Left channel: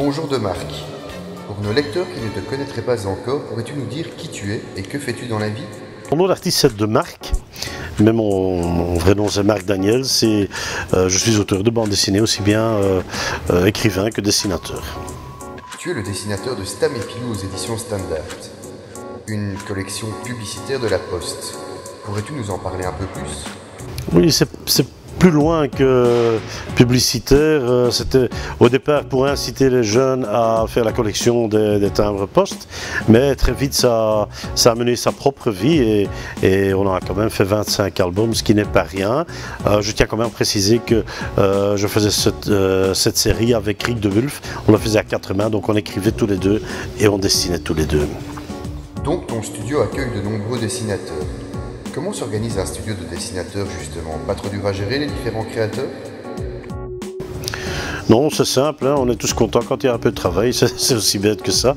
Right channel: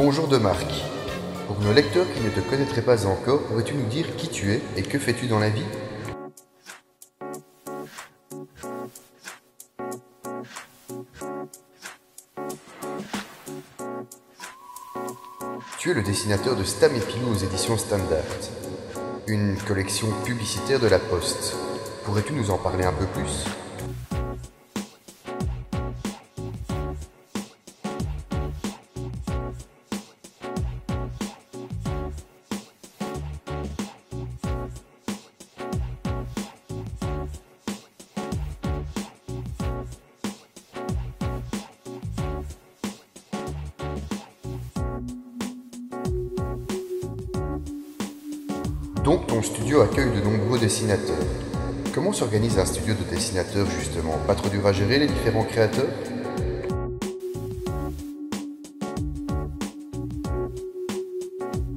Bonjour de Marc. Pour nos lecteurs qui ne te connaîtraient pas encore, pourrais-tu nous dire qui tu es et que fais-tu dans la vie? Mon nom d'artiste c'est de Marc, mais mon vrai nom c'est Marc Daniels et je suis auteur de bande dessinée, aussi bien écrivain que dessinateur. Tu es le dessinateur de Stam et Pilou aux éditions Standard, une collection publicitaire de la Poste. Pourrais-tu nous en parler un peu plus? Oui, c'est plus loin que publicitaire. C'était au départ pour inciter les jeunes à faire la collection des timbres poste, mais très vite ça a mené sa propre vie et on a quand même fait 25 albums, ce qui n'est pas rien. Je tiens quand même à préciser que je faisais cette série avec Rick de Wulf. On la faisait à 4 mains, donc on écrivait tous les deux et on dessinait tous les deux. Donc ton studio accueille de nombreux dessinateurs. Comment s'organise un studio de dessinateurs justement? Pas trop dur à gérer les différents créateurs? Non, c'est simple, hein, on est tous contents quand il y a un peu de travail, c'est aussi bête que ça.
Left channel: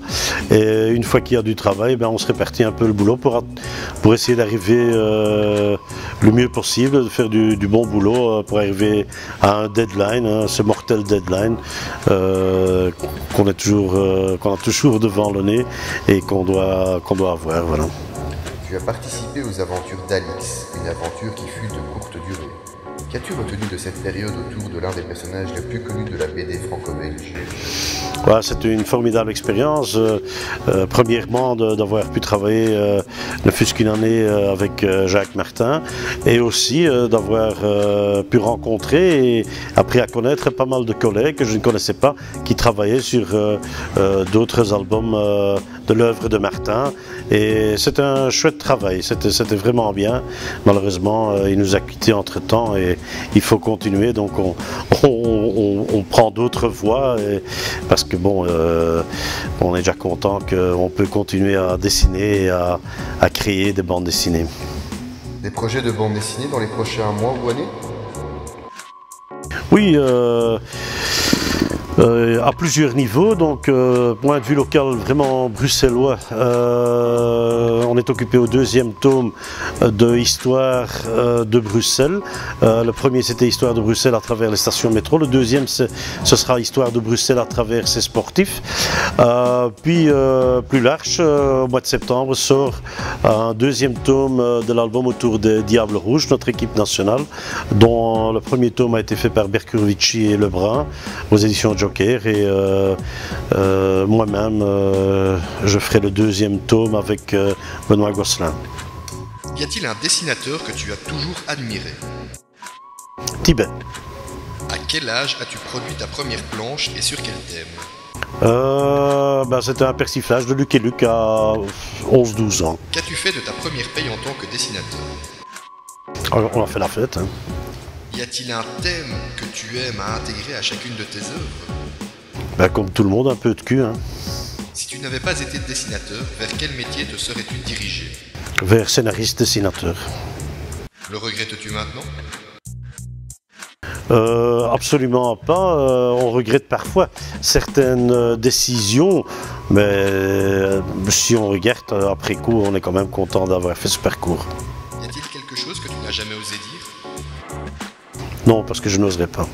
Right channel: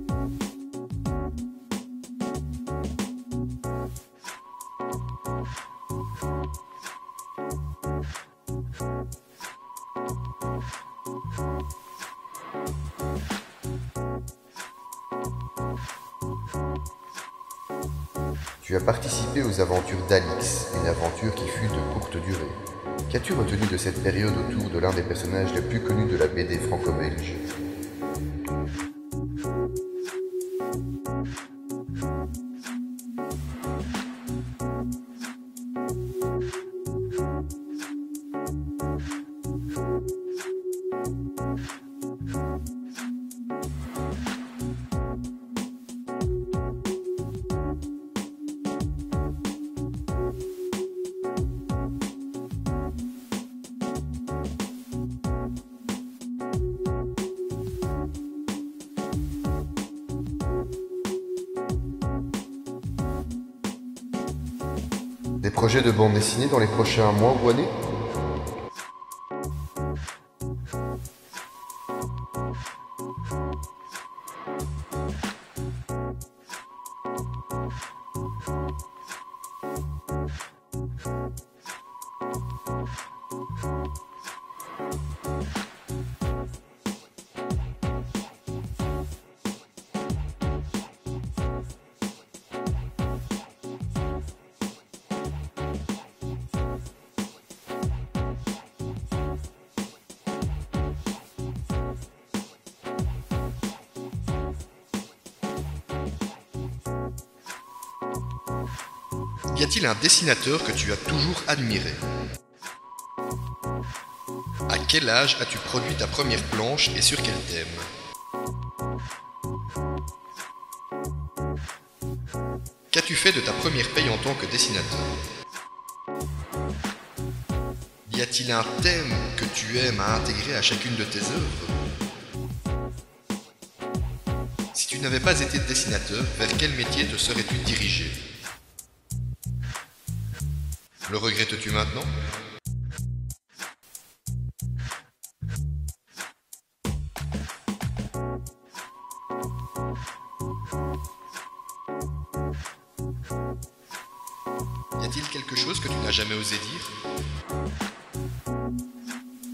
Et une fois qu'il y a du travail, on se répartit un peu le boulot pour essayer d'arriver le mieux possible, de faire du bon boulot pour arriver à un deadline, hein, ce mortel deadline qu'on a toujours devant le nez et qu'on doit avoir. Voilà. Tu as participé aux aventures d'Alix, une aventure qui fut de courte durée. Qu'as-tu retenu de cette période autour de l'un des personnages les plus connus de la BD franco-belge? Voilà, c'était une formidable expérience. Premièrement, d'avoir pu travailler ne fût-ce qu'une année avec Jacques Martin et aussi d'avoir pu rencontrer et appris à connaître pas mal de collègues que je ne connaissais pas qui travaillaient sur d'autres albums de l'œuvre de Martin. Et c'était un chouette travail, c'était vraiment bien. Malheureusement, il nous a quittés entre-temps et il faut continuer, donc on prend d'autres voies parce que bon, on est déjà content qu'on peut continuer à dessiner et à créer des bandes dessinées. Des projets de bande dessinée dans les prochains mois ou années? Oui, à plusieurs niveaux, donc point de vue local vraiment bruxellois, on est occupé au deuxième tome de Histoire de Bruxelles. Le premier c'était Histoire de Bruxelles à travers les stations métro, le deuxième ce sera Histoire de Bruxelles à travers ses sportifs. Puis plus large, au mois de septembre sort un deuxième tome de l'album autour des Diables Rouges, notre équipe nationale, dont le premier tome a été fait par Berkurovici et Lebrun aux éditions Joker et moi-même je ferai le deuxième tome avec Benoît Gosselin. Y a-t-il un dessinateur que tu as toujours admiré? Tibet. À quel âge as-tu produit ta première planche et sur quel thème? C'était un persiflage de Luc et Luc à 11-12 ans. Qu'as-tu fait de ta première paye en tant que dessinateur? Alors, on a fait la fête. Hein. Y a-t-il un thème que tu aimes à intégrer à chacune de tes œuvres? Comme tout le monde, un peu de cul. Hein. Si tu n'avais pas été dessinateur, vers quel métier te serais-tu dirigé? Vers scénariste-dessinateur. Le regrettes-tu maintenant? Absolument pas. On regrette parfois certaines décisions, mais si on regarde après coup, on est quand même content d'avoir fait ce parcours. Y a-t-il quelque chose que tu n'as jamais osé dire? Non, parce que je n'oserais pas.